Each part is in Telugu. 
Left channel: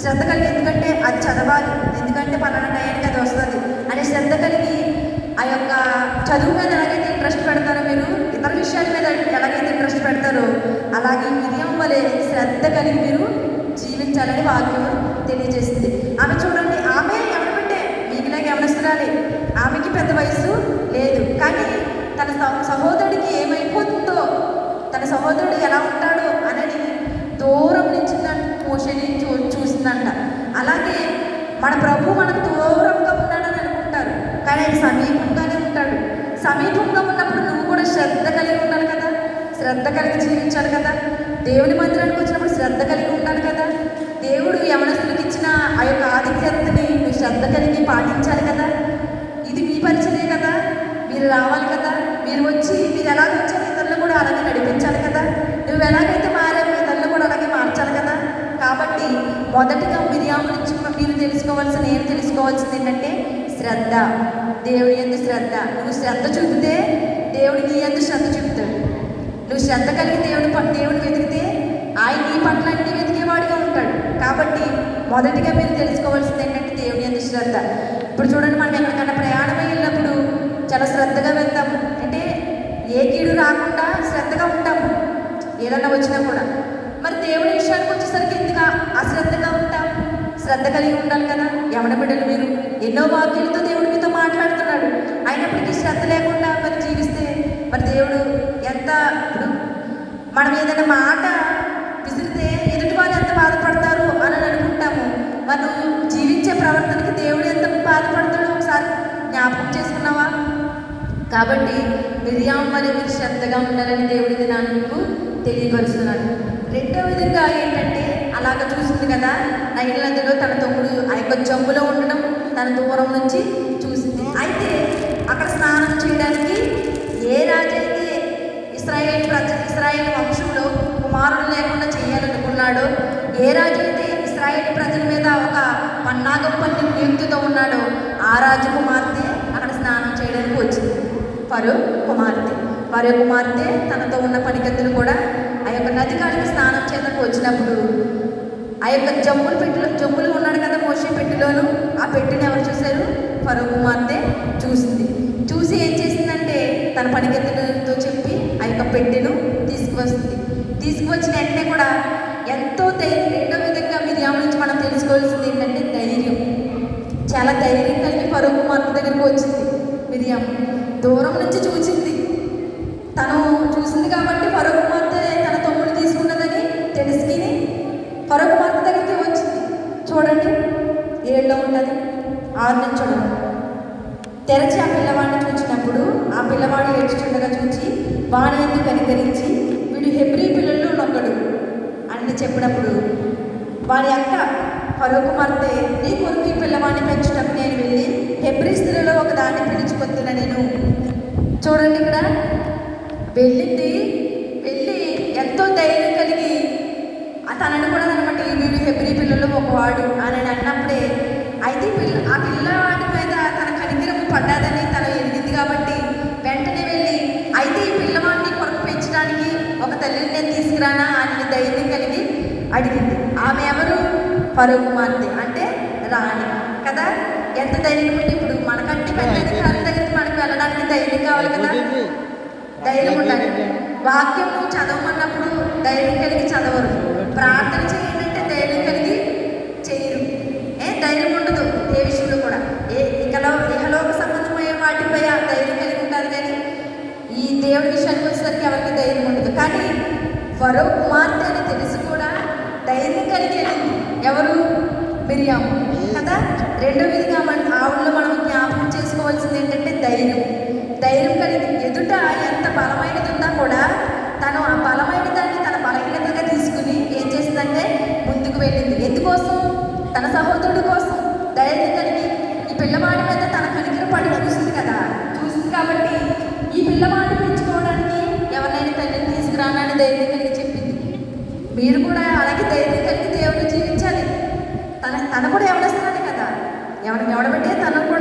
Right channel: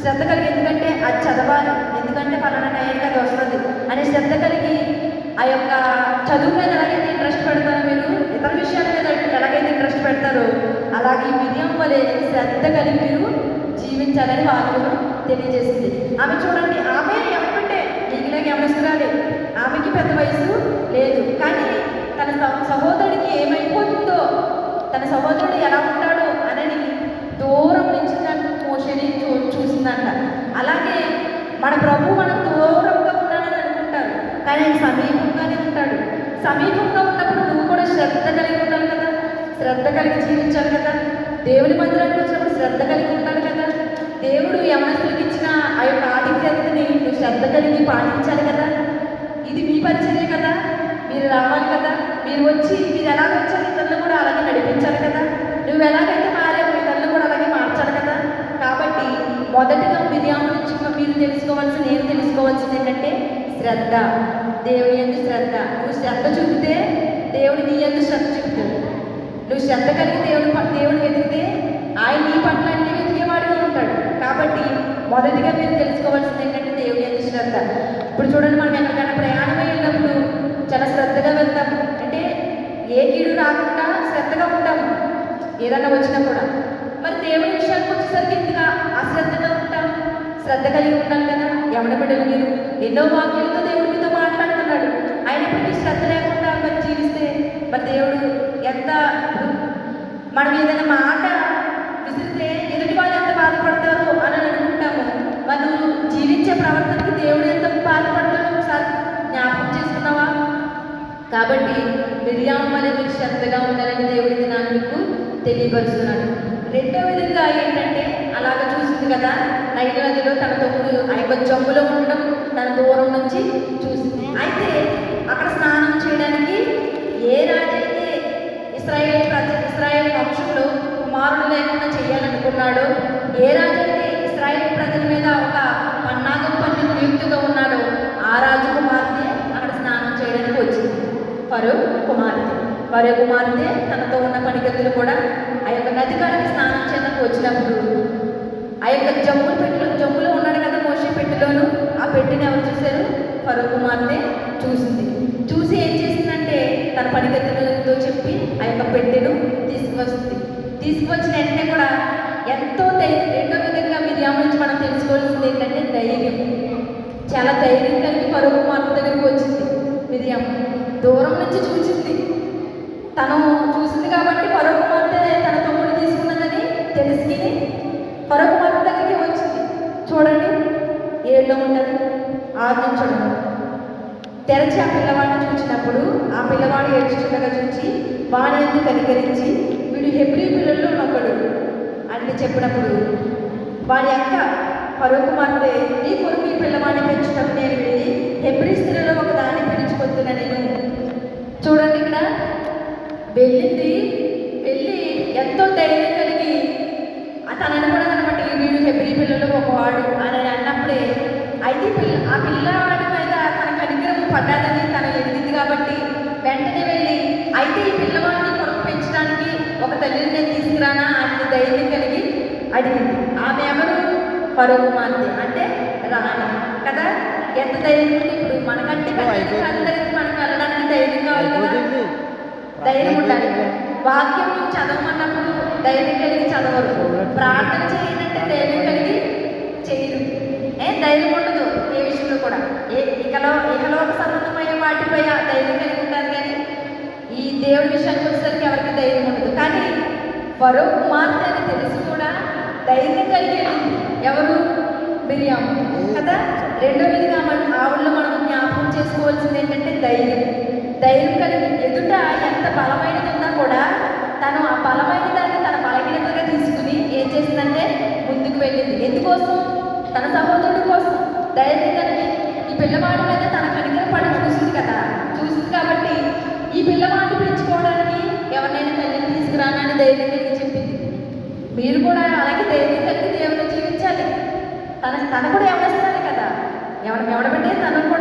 శ్రద్ధ కలిగి, ఎందుకంటే అది చదవాలి, ఎందుకంటే పలానా టైంకి అది వస్తుంది అని శ్రద్ధ కలిగి ఆ యొక్క చదువు మీద ఎలాగైతే ఇంట్రెస్ట్ పెడతారో, మీరు ఇతర విషయాల మీద ఎలాగైతే ఇంట్రెస్ట్ పెడతారో అలాగే మిరియం వలె శ్రద్ధ కలిగి మీరు జీవించాలని వాక్యం తెలియజేస్తుంది. ఆమె చూడండి, ఆమె ఎవరికంటే మీకులాగ యవనస్తురాలే, ఆమెకి పెద్ద వయసు లేదు, కానీ తన సహోదరుడికి ఏమైపోతుందో, తన సహోదరుడు ఎలా ఉంటాడో అనేది దూరం నుంచి మోషేని చూసిందంట. అలాగే మన ప్రభు మనకు దూరంగా ఉన్నాడని అనుకుంటారు, కానీ ఆయన సమీపంగానే ఉంటాడు. సమీపంగా ఉన్నప్పుడు నువ్వు కూడా శ్రద్ధ కలిగి ఉండాలి కదా, శ్రద్ధ కలిగి జీవించాలి కదా. దేవుని మందిరానికి వచ్చినప్పుడు శ్రద్ధ కలిగి ఉండాలి కదా. దేవుడు యవనస్తులకు ఇచ్చిన ఆ యొక్క ఆధిక్యతని నువ్వు శ్రద్ధ కలిగి పాటించాలి కదా. ఇది మీ పరిచయే కదా, మీరు రావాలి కదా. మీరు వచ్చి మీరు ఎలా వచ్చారు ఇతరులను కూడా అలాగే నడిపించాలి కదా. నువ్వు ఎలాగైతే మారావు ఇతరులను కూడా అలాగే మార్చాలి కదా. కాబట్టి మొదటగా మిరియాము నుంచి మీరు తెలుసుకోవాల్సింది, నేను తెలుసుకోవాల్సింది ఏంటంటే శ్రద్ధ. దేవుడి యందు శ్రద్ధ. నువ్వు శ్రద్ధ చూపితే దేవుడు నీ యందు శ్రద్ధ చూపుతాడు. నువ్వు శ్రద్ధ కలిగి దేవుడిని వెతికితే ఆయన నీ పట్ల అన్ని వెతికేవాడిగా ఉంటాడు. కాబట్టి మొదటిగా మీరు తెలుసుకోవాల్సింది ఏంటంటే దేవుడి యందు శ్రద్ధ. ఇప్పుడు చూడండి, మనం ఎక్కడికైనా ప్రయాణం వెళ్ళినప్పుడు చాలా శ్రద్ధగా వెళ్తాము, అంటే ఏ కీడు రాకుండా శ్రద్ధగా ఉంటాము ఏదన్నా వచ్చినా కూడా. మరి దేవుడి విషయానికి వచ్చేసరికి ఎందుకు అశ్రద్ధగా ఉంటాం? శ్రద్ధ కలిగి ఉండాలి కదా. యవన బిడ్డలు మీరు ఎన్నో వాక్యాలతో దేవుడి మీతో మాట్లాడుతున్నాడు, అయినప్పటికీ శ్రద్ధ లేకుండా మరి జీవిస్తే మరి దేవుడు ఎంత, మనం ఏదైనా మాట విసిరితే ఎదుటి వాళ్ళు ఎంత బాధపడతారు అని అనుకుంటాము. మనం జీవించే ప్రవర్తనకి దేవుడు ఎంత బాధపడతాడు ఒకసారి జ్ఞాపకం చేసుకున్నావా? కాబట్టి మిరియాము వలె మీరు శ్రద్ధగా ఉండాలని దేవుడి దినాన్ని మీకు తెలియపరుస్తున్నాడు. రెండో విధంగా ఏంటంటే, అలాగ చూసింది కదా, నైల్ నదిలో తన తమ్ముడు ఆ యొక్క జమ్ములో ఉండడం తన దూరం నుంచి చూసింది. అయితే అక్కడ స్నానం చేయడానికి ఏ రాజైతే ఇశ్రాయేల్ వంశంలో కుమారుడు లేకుండా చేయాలనుకున్నాడో, ఏ రాజైతే ఇశ్రాయేల్ ప్రజల మీద ఒక పన్నాగం పన్ని నియుక్తితో ఉన్నాడో ఆ రాజు కుమార్తె అక్కడ స్నానం చేయడానికి వచ్చింది. ఫరో కుమార్తె తనతో ఉన్న పనికత్తులు కూడా ఆ యొక్క నది కాడికి స్నానం చేయడానికి వచ్చినప్పుడు ఆ యొక్క జమ్ములో ఉన్నాడు కదా మోషే పెట్టెలోను, ఆ పెట్టెని ఎవరు చూశారు? ఫరో కుమార్తె చూసింది. చూసి ఏం చేసిందంటే తన పనికత్తులతో చెప్పి ఆ యొక్క పెట్టెను తీసుకువచ్చిన వెంటనే కూడా ఎంతో ధైర్యం. రెండో విధంగా మిరియాము నుంచి మనం తెలుసుకోవాల్సింది ఏంటంటే ధైర్యం. చాలా ధైర్యం కలిగి ఫరో కుమార్తె దగ్గరికి వచ్చింది మిరియాము. దూరం నుంచి చూసింది, తను చూసింది కాబట్టి ఫరో కుమార్తె తన తమ్ముడు తీసుకున్నదని తెలుసుకుని ఫరో కుమార్తె దగ్గరికి వచ్చింది. చూడండి 7లో ఉంటుంది, 6 నుంచి చూడండి. తెరచి ఆ పిల్లవాడిని చూసినప్పుడు ఆ పిల్లవాడు ఏడ్చుచుండగా చూచి వాడి యందు కనికరించి వీడు హెబ్రీ పిల్లల్లో నొక్కడు అని చెప్పినప్పుడు వాడి అక్క ఫరో కుమార్తె, నీ కొరకు ఈ పిల్లవాడిని పెంచుటకు నేను వెళ్ళి హెబ్రీ స్త్రీలో ఒక దాన్ని పిలుచుకొస్తున్నా నేను. చూడండి, ఇక్కడ వెళ్ళి ఎంతో ధైర్యం కలిగి తనని కూడా అనమాట, వీడు హెబ్రీ పిల్లల్లో ఒకవాడు అని అన్నప్పుడే అయితే ఆ పిల్లవాడి మీద తన కనికరము పడ్డాదని తను ఎరిగింది కాబట్టి వెంటనే వెళ్ళి, అయితే ఈ పిల్లవాడిని కొరకు పెంచడానికి ఒక తల్లిని నేను తీసుకురానా అని ధైర్యం కలిగి అడిగింది. ఆమె ఎవరు? ఫరో కుమార్తె, అంటే రాణి కదా. ఎంత ధైర్యం ఉంటే ఇప్పుడు మనకంటే దగ్గరికి మనకు వెళ్ళడానికి ధైర్యం కావాలి కదా. ధైర్యం ఉండాలి. వాక్యం చదవమన్నప్పుడు ధైర్యం కలిగి చదవరు, ప్రార్థన చేయండి ధైర్యం కలిగి చేయరు. ధైర్యం ఉండదు ఏ విషయంలో కూడా. ఇహలోక సంబంధమైన వాటిపై ధైర్యం కలిగి ఉంటారు, కానీ ఈ దేవుడి విషయానికి వచ్చేసరికి ఎవరికి ధైర్యం ఉండదు. కానీ ఫరో కుమార్తె అని తెలిసి కూడా ధైర్యం కలిగి వెళ్ళింది. ఎవరు? మిరియాము కదా. రెండో విధిగా ఆవిడలో మనం జ్ఞాపకం చేసుకోవాల్సింది ఏంటంటే ధైర్యం కలిగి ఎదుట ఎంత బలమైనది ఉన్నా కూడా తను ఆ బలమైన దాన్ని తన బలహీనతగా తీసుకుని ఏం చేసిందంటే ముందుకు వెళ్ళింది. ఎందుకోసం? తన సహోదరుడి కోసం ధైర్యం కలిగి ఈ పిల్లవాడి మీద తన కనికరం పడి చూసింది కదా. చూసింది కాబట్టి ఈ పిల్లవాడిని పెంచుకోవడానికి ఎవరినైనా తల్లిని తీసుకురానని ధైర్యం కలిగి చెప్పింది. మీరు కూడా అలాగే ధైర్యం కలిగి దేవుని జీవించాలి. తన కూడా ఎవరిస్తాడు కదా, ఎవడబెట్టే తను కూడా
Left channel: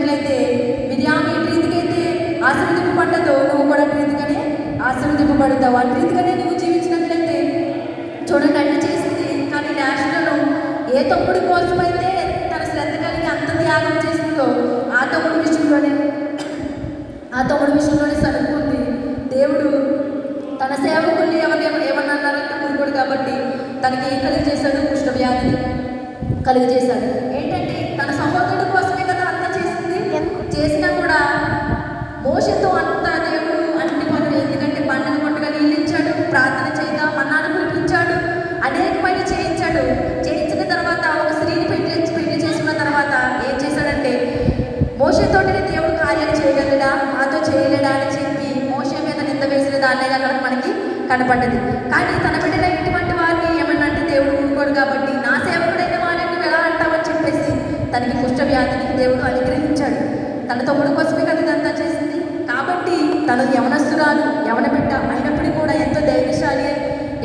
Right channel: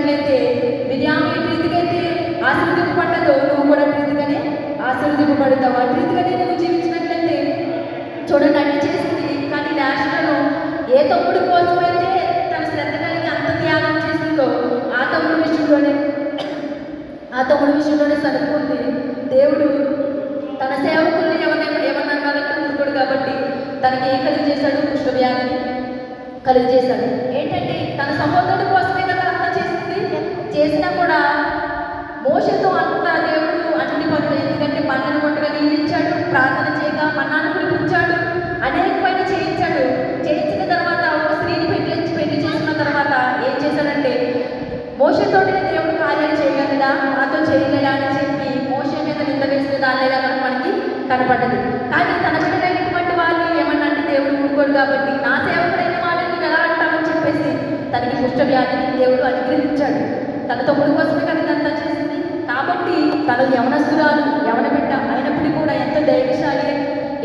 చూసినట్లయితే మిరియాము ఏ రీతికైతే ఆశీర్వదింపబడ్డదో నువ్వు కూడా రీతిగానే ఆశీర్వదింపబడతావు. ఆ రీతిగానే నువ్వు జీవించినట్లయితే చూడండి అన్ని చేసింది. కానీ నేషనల్ ఏ తమ్ముడి కోసమైతే తన శ్రద్ధ కలిగి అంత త్యాగం చేసిందో ఆ తమ్ముడి విషయంలోనే సరుకుంది. దేవుడు తన సేవకుల్ని ఏమన్నారంటే మునుకోడు కాబట్టి తనకి ఏం కలిగజేశాడు? కుష్ఠవ్యాధిని కలిగజేశాడు. ఏంటంటే తన సహోదరుడి కోసమే కదా అంత చేసింది. చేసినా కూడా మోషతో అంత దేవుడు అన్ని పనులు, ఎందుకంటే పంటను కొట్టగా నీళ్ళు ఇచ్చాడు, ప్రార్థన చేయగా మన్నాను కురిపించాడు, అనేకమైన చేయించాడు. చేయించిన తర్వాత ఒక స్త్రీని పెళ్లి చేసుకున్న తర్వాత ఏం చేశాడంటే మోషతోటినే దేవుడు కార్యాలు చేయగలడా, మాతో చేయలేడా అని చెప్పి మోషే మీద నింద వేసిన దానిలో మనకి కనపడ్డది. కానీ తన బిడ్డలైనటువంటి వారిని ఏమన్నా అంటే దేవుడు ఊరుకోడు కాబట్టి నా సేవకుడైన వారిని నువ్వు ఎలా అంటావని చెప్పేసి తనకి కుష్ఠవ్యాధిని దేవుడు అనుగ్రహించాడు. తన తమ్ముడు కోసమే కదా ఇదంతా చేసింది. కాబట్టి తను యవనస్తురాలు, యవన బిడ్డ అయినప్పటికీ కూడా ఎంతో ధైర్యశాలి,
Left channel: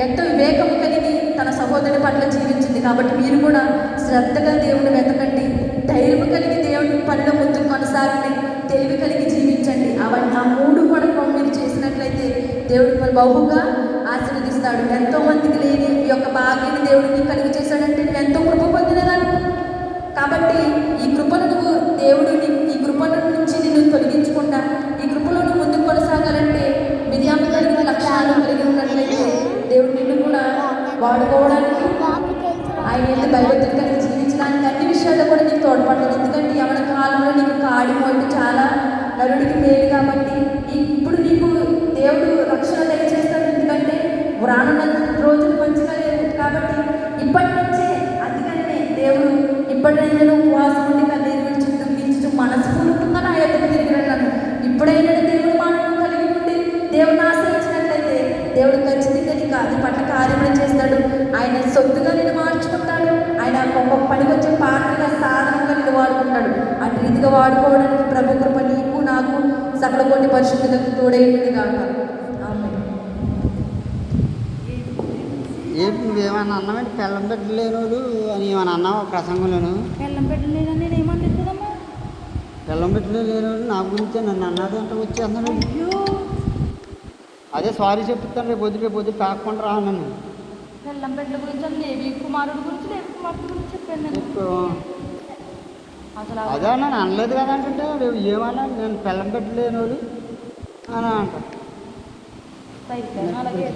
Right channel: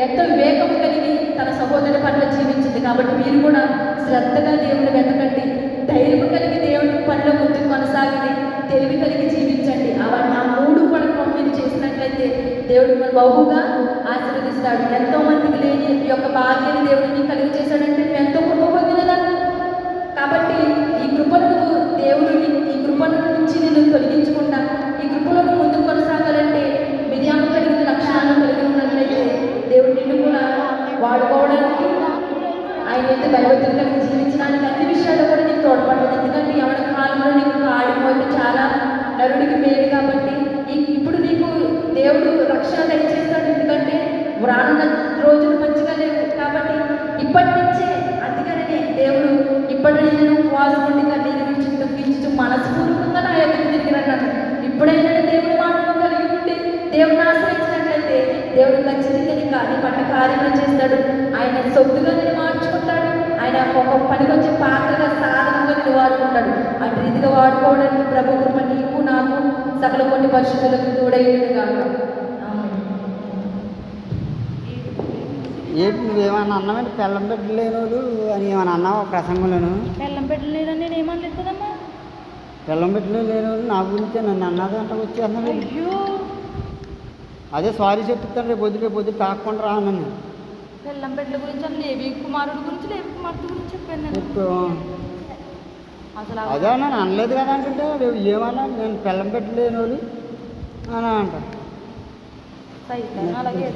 ఎంతో వివేకం కలిగి తన సహోదరి పట్ల జీవించింది. కాబట్టి మీరు కూడా శ్రద్ధగా దేవుని వెతకండి, ధైర్యం కలిగి దేవుని పనిలో ముందుకు కొనసాగండి, తెలివి కలిగి జీవించండి. అవన్నీ ఆ మూడు కూడా మీరు చేసినట్లయితే దేవుడు మన బహుగా ఆశీర్వదిస్తాడు. ఎంతో మందికి లేని ఈ యొక్క భాగ్యాన్ని దేవుడు నీకు కలిగి చేశాడంటే నువ్వు ఎంతో కృప పొందినదాన్ని. కాబట్టి ఈ కృపను దేవుడు ఈ కృపను నుంచి నిన్ను తొలగించకుండా ఈ కృపలో నువ్వు ముందుకు కొనసాగాలంటే మిరియాము కలిగిన లక్షణాలు కలిగి ఉన్నట్లయితే దేవుడు నిన్ను కూడా వాడుకోవడానికి, ఆయన ఎంత భయభక్తులు కలిగి జీవించడానికి అన్ని విషయాల్లో కూడా నీకు తోడ్పడలేదు. ఎందుకంటే యవన కాలంలో నీకు కాడి పోయి చాలా నరుడికి మేలు కాబట్టి ఇప్పుడు నీకు దేవుడు రక్షణ దయచేస్తాడు. ఎందుకంటే రానున్న రోజులు మంచిగా లేవు కాబట్టి ఇప్పటి నుంచే అందుకనే దేవుడు ఇప్పటినైనా నువ్వు ఉపవాసం ఉండి కన్నీరు విడిచి దుఃఖించు మనస్ఫూర్తిగా నా ఎదురు తిరిగిరన్నాడు. ఇప్పుడైనా దేవుడు మానవం కలిగి ఉండి దేవుడిని ఆశ్రయించినట్లయితే దేవుడు ఖచ్చితంగా నీకు నీ పట్ల కార్యములు చేస్తాడు. ఆయన సొత్తుగా నిన్ను మార్చుకుంటాడు. ఆయన ఒక పనికి వచ్చే పాత్రగా సాధనంగా నిన్ను వాడుకుంటాడు. అటు రీతిగా వాడుకోవడానికి ప్రభు కృప నీకు నాకు సకల కోటి పరిశుద్ధులకు తోడైనడు కాదు. ఏంటి నువ్వేమన్నా అన్నావంటే పెళ్ళం పెట్టలేనోళ్ళు అని ఏమన్నా అన్నావు ప్రసంగంలోను? బెల్లం పెట్టలేదని నేను ఏమనలేదు కదమ్మా. పెళ్ళం పెట్టలేనోళ్ళు నా గురించే నన్ను అన్నది అంటే వచ్చేస్తున్నాడు. అయ్యో అదే సారీ చెప్తాను, రేపు పొద్దు తాకుండా రా అన్నాను. బెల్లం పెట్టల గురించి అని లేవి కుమారుడి గురించి లేవి కుమార్తె గురించి చెప్పాను నేను. చెప్పు. అసలు అదే నన్ను అనలేదు కదా అంటుంటే రేపు ఏమన్నా నేను పెళ్ళం పెట్టలేనోళ్ళు అని అంట. అలాగే